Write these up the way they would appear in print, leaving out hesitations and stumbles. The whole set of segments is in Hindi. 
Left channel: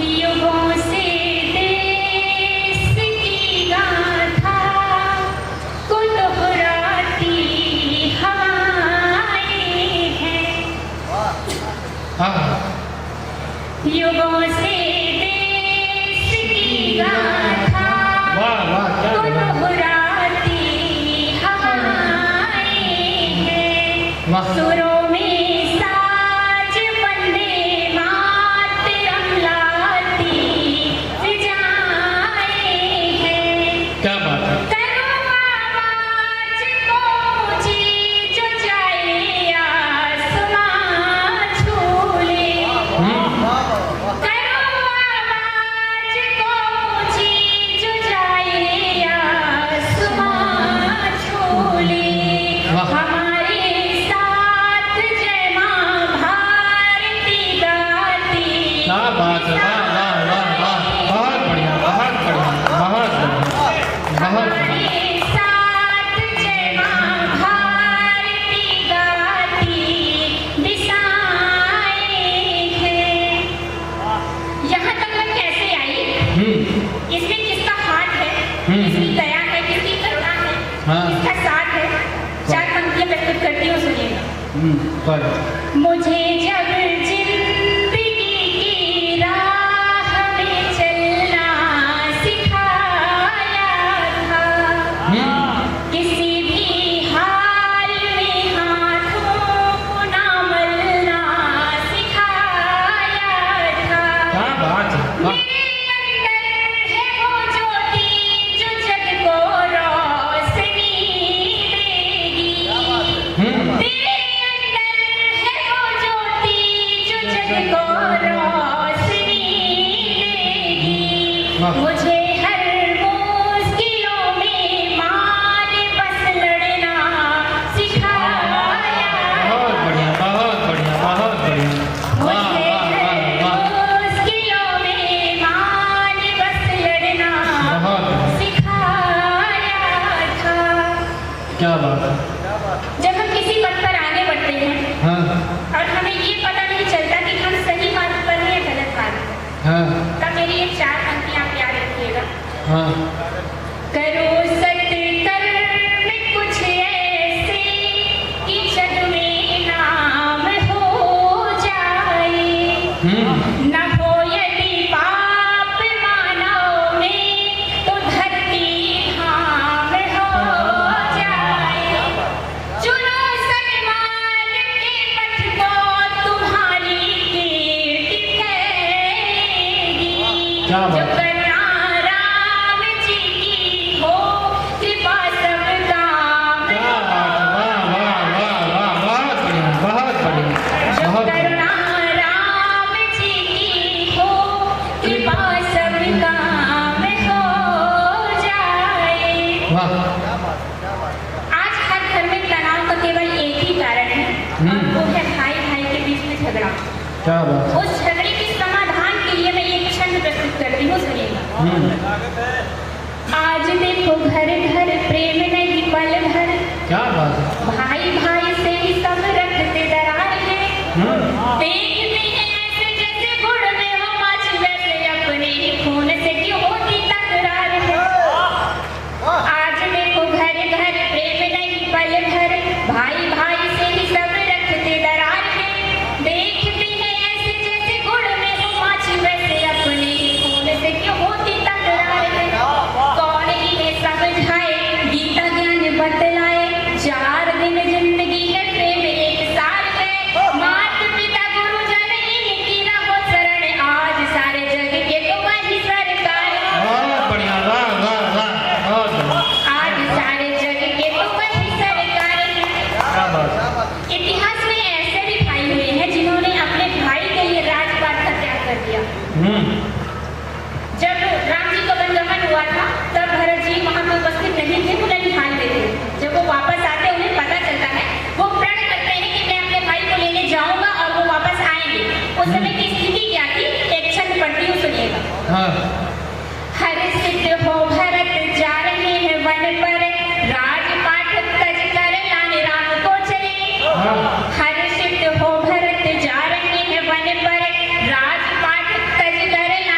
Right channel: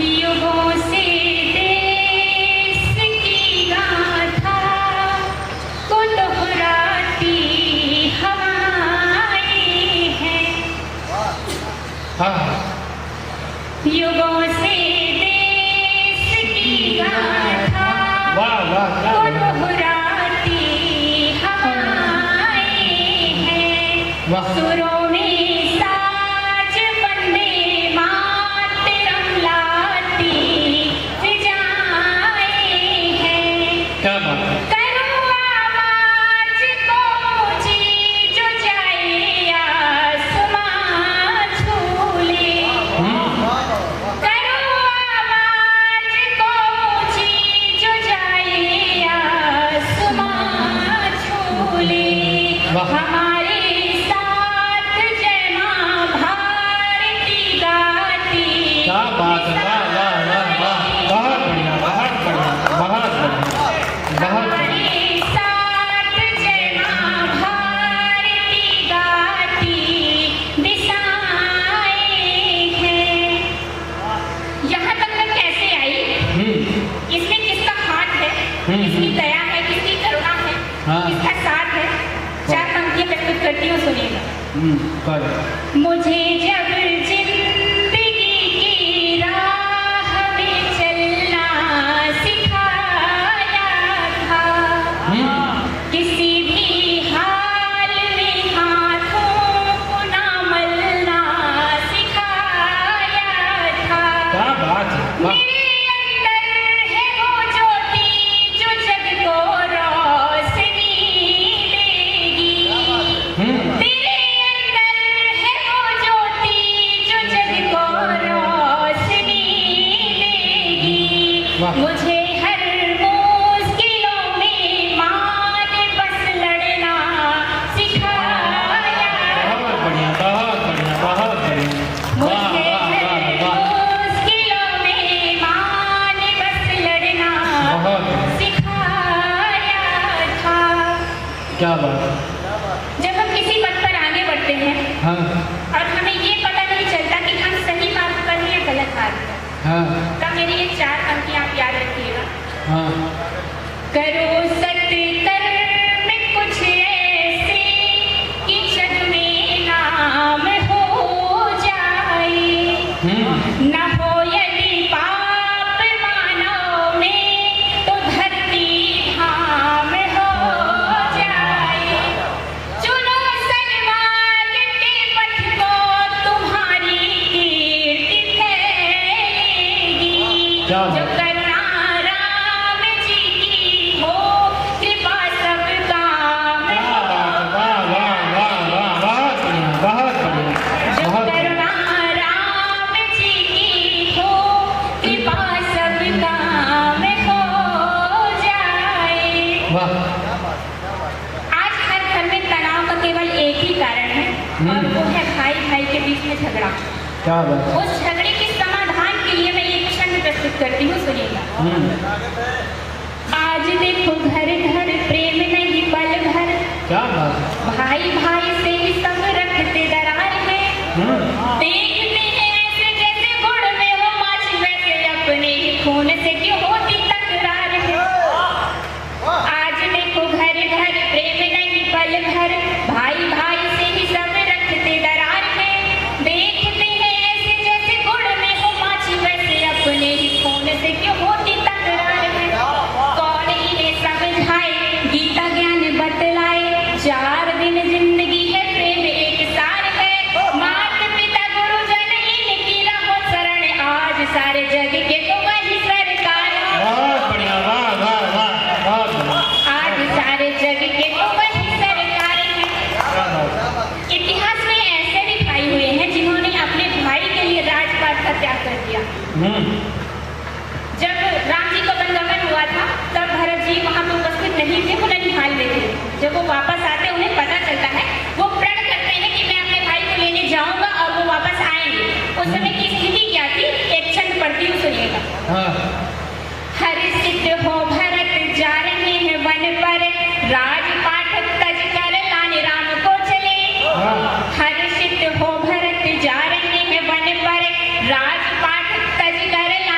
युगों से देश की गाथा को दोहराती हवाएं हैं। युगों से देश की गाथा को दोहराती हवाएं हैं। सुरों में साज बंदे मातरम लाती फिजाएं हैं। करो आवाज को ऊंची जो जाए आसमां छू ले। करो आवाज को ऊंची जो जाए आसमां छू ले। हमारे साथ जय मां भारती गाती। क्या बात है, बहुत बढ़िया, हमारे साथ जय मां भारती गाती दिशाएं हैं। यहाँ तक मैं कैसे आई? इसमें किसका हाथ है, किसकी दया है, किसकी करुणा है, किसका साथ है, चार पंक्तियां प्रस्तुत करती हूँ, सुनिए। मुझे जब जिंदगी की राह में चलना सिखाया था, किसी भी हाल में हाथों को ना मलना सिखाया था। मेरे अंदर है वो ज्योति जो जग को रोशनी देगी। मेरे अंदर है वो ज्योति जो जग को रोशनी देगी। मुझे हर मुश्किलों में मान बस लड़ना सिखाया। मुझे हर मुश्किलों में मान बस लड़ना सिखाया था। क्या बात है। जब हम किसी पद पर आगे बढ़ते हैं और हमें ये पता नहीं चलता कि हम सही बात कर रहे हैं गलत बात, तब मेरी ये चार पंक्तियां आप याद रखिएगा। करो सत्कर्म कुछ ऐसे कि जग में नाम हो जाए। न हो यदि पाप मानव में तो धरती धाम हो जाए। चुनो सन्मार्ग के पथ को तुम्हारी कीर्ति फैलेगी। क्या बात जो करुणा राम जी की हो कृपा सब काम हो। जो करुणा राम जी की हो कृपा सब काम हो जाए। आज हर घर में तनाव का केवल एक ही कारण है, और वो है भाई भाई के बीच में झगड़ा। क्या बात। उस झगड़े के समाधान के लिए मैं एक छंद प्रस्तुत करती हूँ, सुनिए। आज देखो घर घर प्रेम नहीं पल भर। क्या बात। भाई भाई से ही सब रखते दरार में। देखते हैं ऐसे जैसे गुड़ में हो माछ, वैसे अपने ही खून से क्यों होती तकरार। आज देखो घर घर प्रेम नहीं पल भर। भाई भाई से ही सब रखते दरार में। देखते हैं ऐसे जैसे गुड़ में हो माछ, वैसे अपने ही खून से क्यों होती तकरार। कौन इन्हें समझाए, गीता ज्ञान बतलाए। 4 दिन जिंदगी है, प्रेम 1 साल है। माता पिता गुरुजन इनकी राह शरण। आज सारे जग के तो वही सरकार है। बहुत बढ़िया, आज सारे जग के तो वही सरकार है। इतिहास में ऐसे भी भाई हुए हैं जिन्होंने अपने भाई के लिए राजपाट का त्याग कर दिया। जब राम जी का वनगमन हुआ था, तब भरत जी वहां पर उपस्थित नहीं थे, उन्हें ध्यान देते। जब वो वापस आते, उन्हें पता चलता है, वो प्रण करते हैं कि मैं अपने भाई को लेने जाऊंगा और वो वापस आएंगे। उस समय की स्थिति क्या थी, एक छंद पढ़ती हूँ, सुनिएगा। हर्षित हो भरत जा रहे हैं वन पर, राजपाट तज कर लाने राम को चले। हर्षित हो भरत जा रहे हैं वन पर, राजपाट तज कर लाने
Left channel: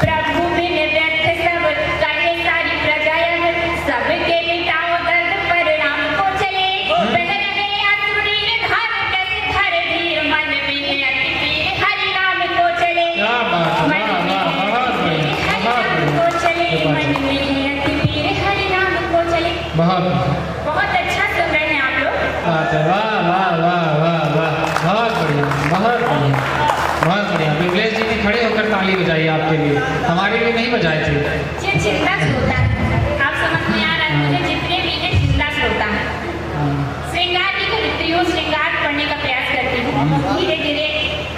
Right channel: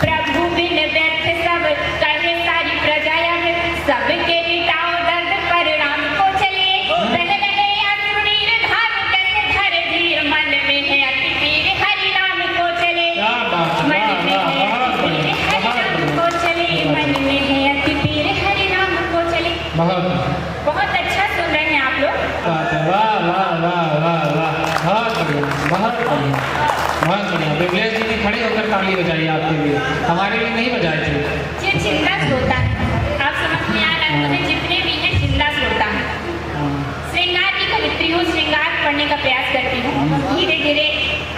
प्रभु बिन व्यर्थ सब कहे सारी प्रजाएं, सबके मिटाओ दर्द पर राम को चले। तन लगे असुरीर घात कैसे धर धीर, मन में है अति पीर हरि नाम को चले। क्या बात है, मन में है अति पीर हरि नाम को चले, मन में है अति पीर हरि नाम को चले। बहुत अच्छा सुन रहे हैं आप लोग। वाह वाह वाह वाह वाह, बहुत बढ़िया, बहुत बढ़िया, बहुत बढ़िया। विमलेश जी खड़े होकर ताली बजाइए आपके लिए, हमारे लिए नहीं बजाए थे। जी चिंता से होता है, आप समझ में आ रहा है, जितने भी हैं चिंता से होता है। श्रृंगार की करती हूँ, श्रृंगार करने का प्रयास करती हूँ, धीरे धीरे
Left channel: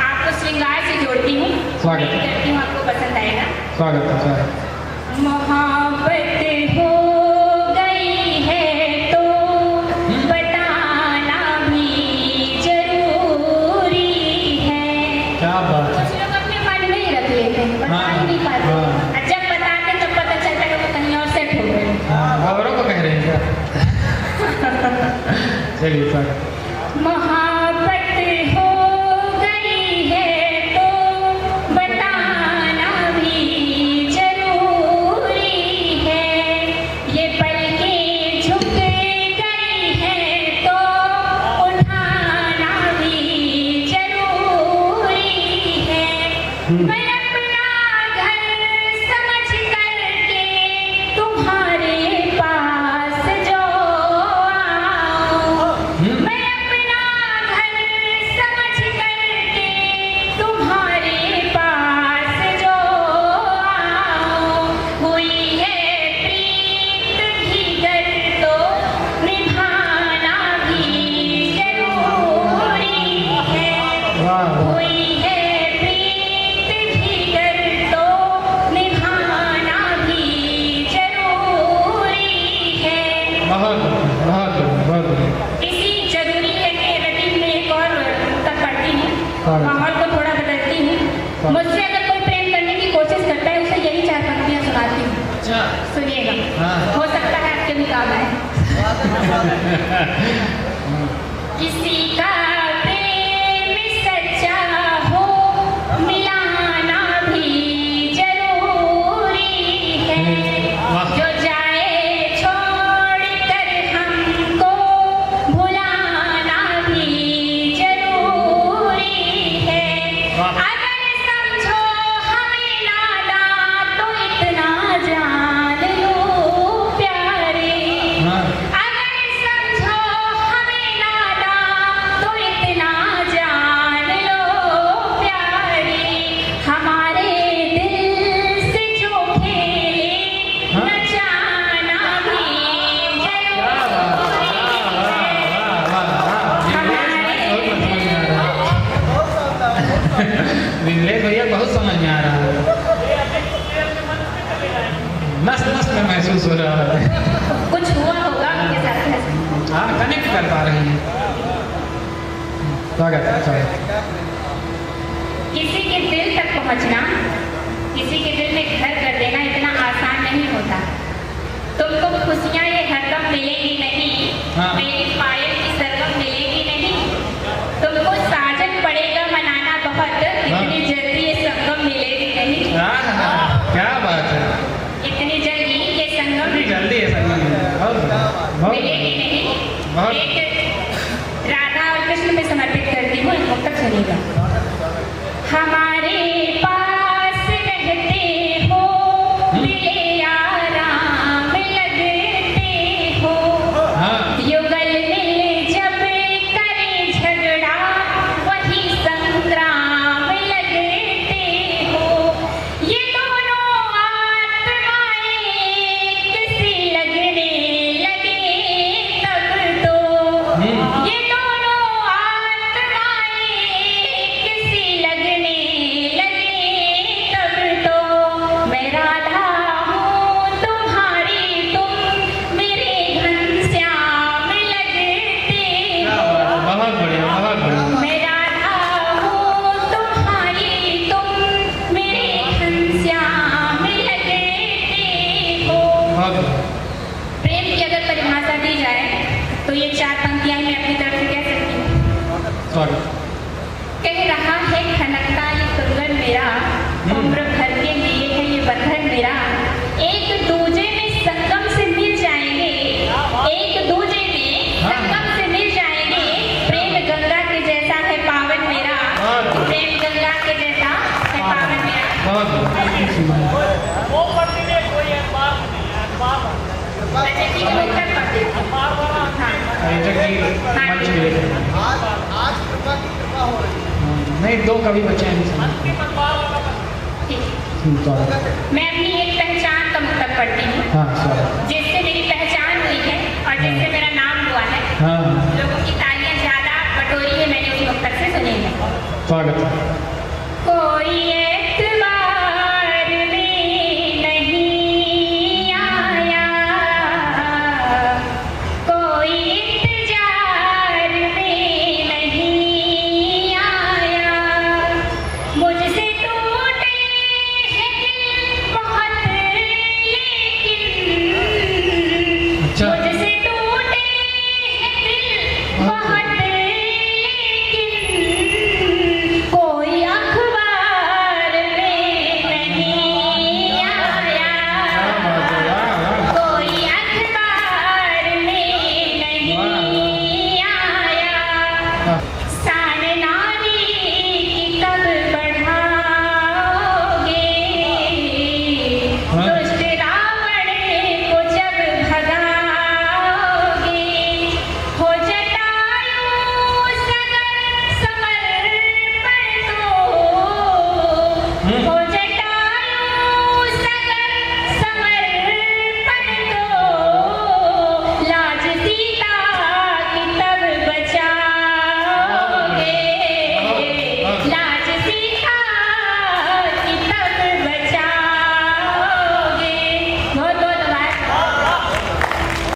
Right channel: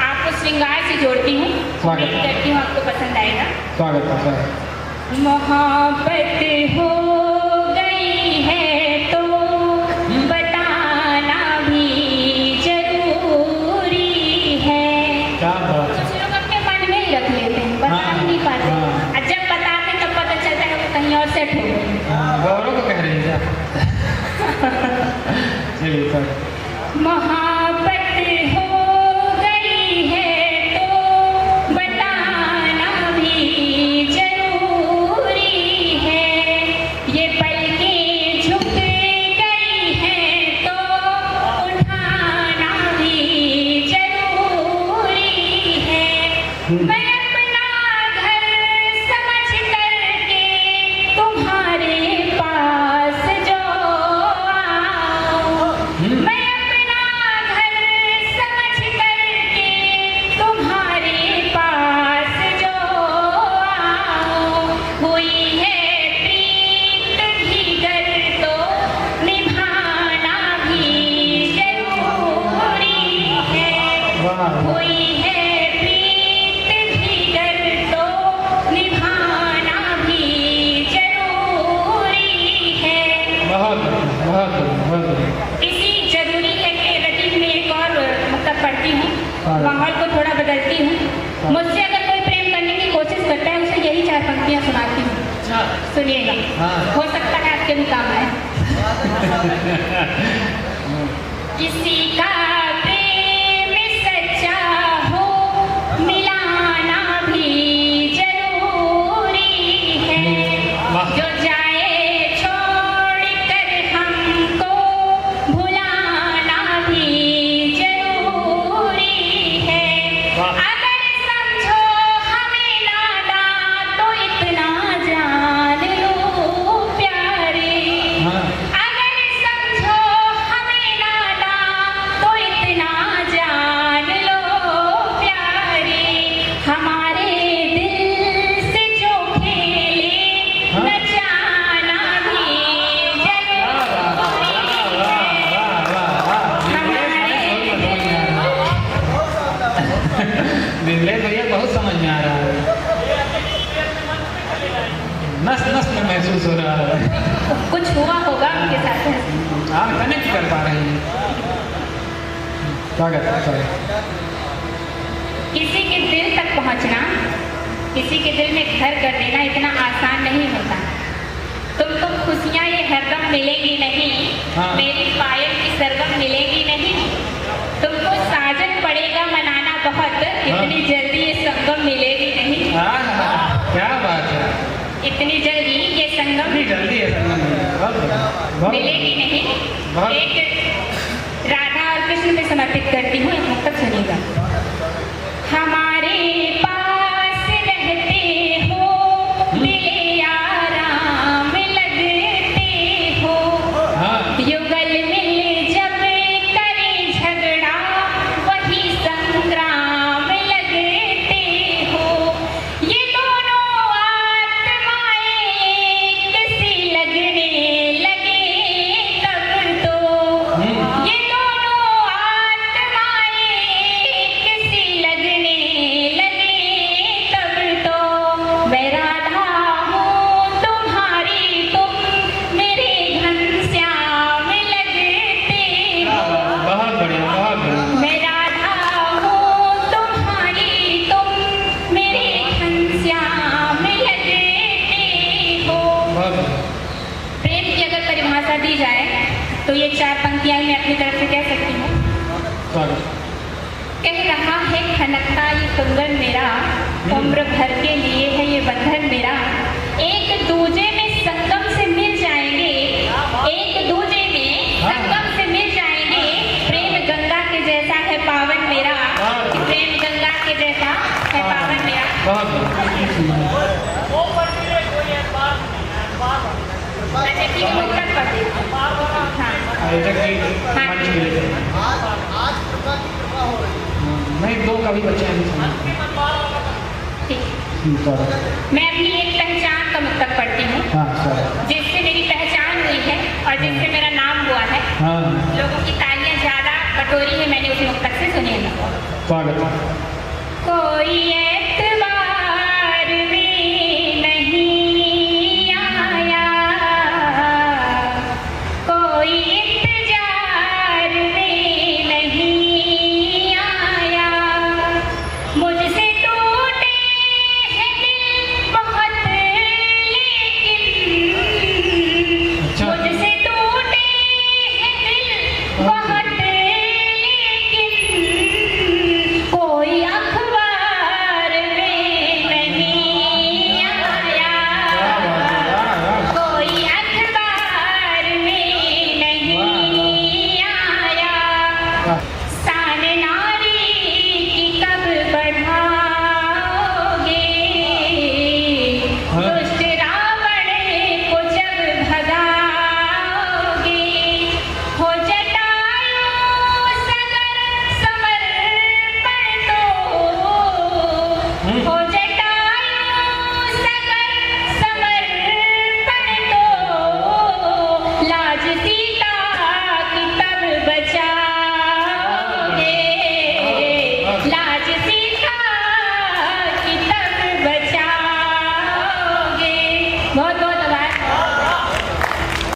आपको श्रृंगार से जोड़ती हूँ, उम्मीद करती हूँ आपको पसंद आएगा। स्वागत है सर। मोहब्बत हो गई है तो बताना भी जरूरी है। क्या बात है। कुछ लोग अपने मन में ही रख लेते हैं, बता ही नहीं पाते, और जब बताते तो पता चलता है वो कहीं और सेट हो गए। औरों को कह रही है चलिए सर। मोहब्बत हो गई है तो बताना भी जरूरी है, ये पलकें झुक गई हैं तो उठाना भी जरूरी है। मैं अपना घर समझ करके तुम्हारे पास जो आऊं, मैं अपना घर समझ करके तुम्हारे पास जो आऊं, हुई है प्रीत भीतर तो निभाना भी जरूरी है। वाह हुई है प्रीत भीतर तो निभाना भी जरूरी है। बहुत बहुत बहुत। इसी जरूरी है कि रटी में एक और तब पढ़ती हूँ, माहौल को थोड़ा बदलती हूँ। मुझसे अगर कोई प्रेम करने की कोशिश करता है उसे यही 4 पंक्तियाँ सुनाती हूँ, सुनिएगा, हो सकता है आपके भी काम आए। किसी का प्रेम सच्चा हो मिलाना भी जरूरी है, जो जाए छोड़ कर हमको भुलाना भी जरूरी है। अगर समझो हमें नादान तो इतना जान लो प्यारे, अगर समझो हमें नादान तो इतना जान लो प्यारे, हमारे दिल से जो खेले न जाना भी विमलेश भैया बहुत समझ में आ रहा है, मस्त मस्त में महसूस हो रहा है। कुछ हुआ होगा उनके साथ। आप कनेक्ट कर पा रहे हैं। स्वागत है स्वागत। किसी के दिल तक पहुंचना, किसी के दिल में घर कर देना इतना आसान नहीं होता। तुमको खुशियां ये हरदम मिलेगी नहीं, हाँ। मेरी पायल की सरगम मिलेगी नहीं, तुमको साजन पड़ेगा मनाना बहुत, इतनी जल्दी ये संगम मिलेगी नहीं, क्या बात है। इतनी जल्दी ये संगम इतनी जल्दी है बहुत मिलेगी नहीं। बहुत। एक राधा और कृष्ण में समर्पित करती हूँ, यहाँ तक सुनिएगा। हमारे पास रहते हो मिले आराम लगते हो, युगल में जब करे झगड़ा वही संग्राम लगते हो, ये दोनों आत्माएं किसी लगने लगे तब तो, ये दोनों आत्माएं किसी लगने लगे तब तो, मैं राधा हूँ तुम्हारी तुम मेरे घनश्याम लगते हो, बहुत बढ़िया बहुत बढ़िया। मैं राधा हूँ तुम्हारी तुम मेरे घनश्याम लगते हो। बहुत बढ़िया। प्रेम की अगर परिभाषा दी जाए तो ये 4 पंक्तियां मैं अपनी तरफ से कह सकती हूँ। स्वागत। कह रहा है खनकता ये कुंदन मेरा, उम्र भर के लिए है अच्छा ठीक है मुक्तक कर दो। हाँ हाँ जी। आज कृपा की कृपा हो रही है। नहीं, 2 कवि बचे हैं इसमें। ठीक है। सॉरी। मैं अपनी एक पहचान का मुक्तक पढ़ती हूँ हाँ सॉरी। जिससे मेरी पहचान हुई है और जिससे मेरा नाम हुआ है। हाँ लोगों की तालियां ज्यादा कटोरी में मैंने उस मुक्तक से सुनी है। पढ़। कोई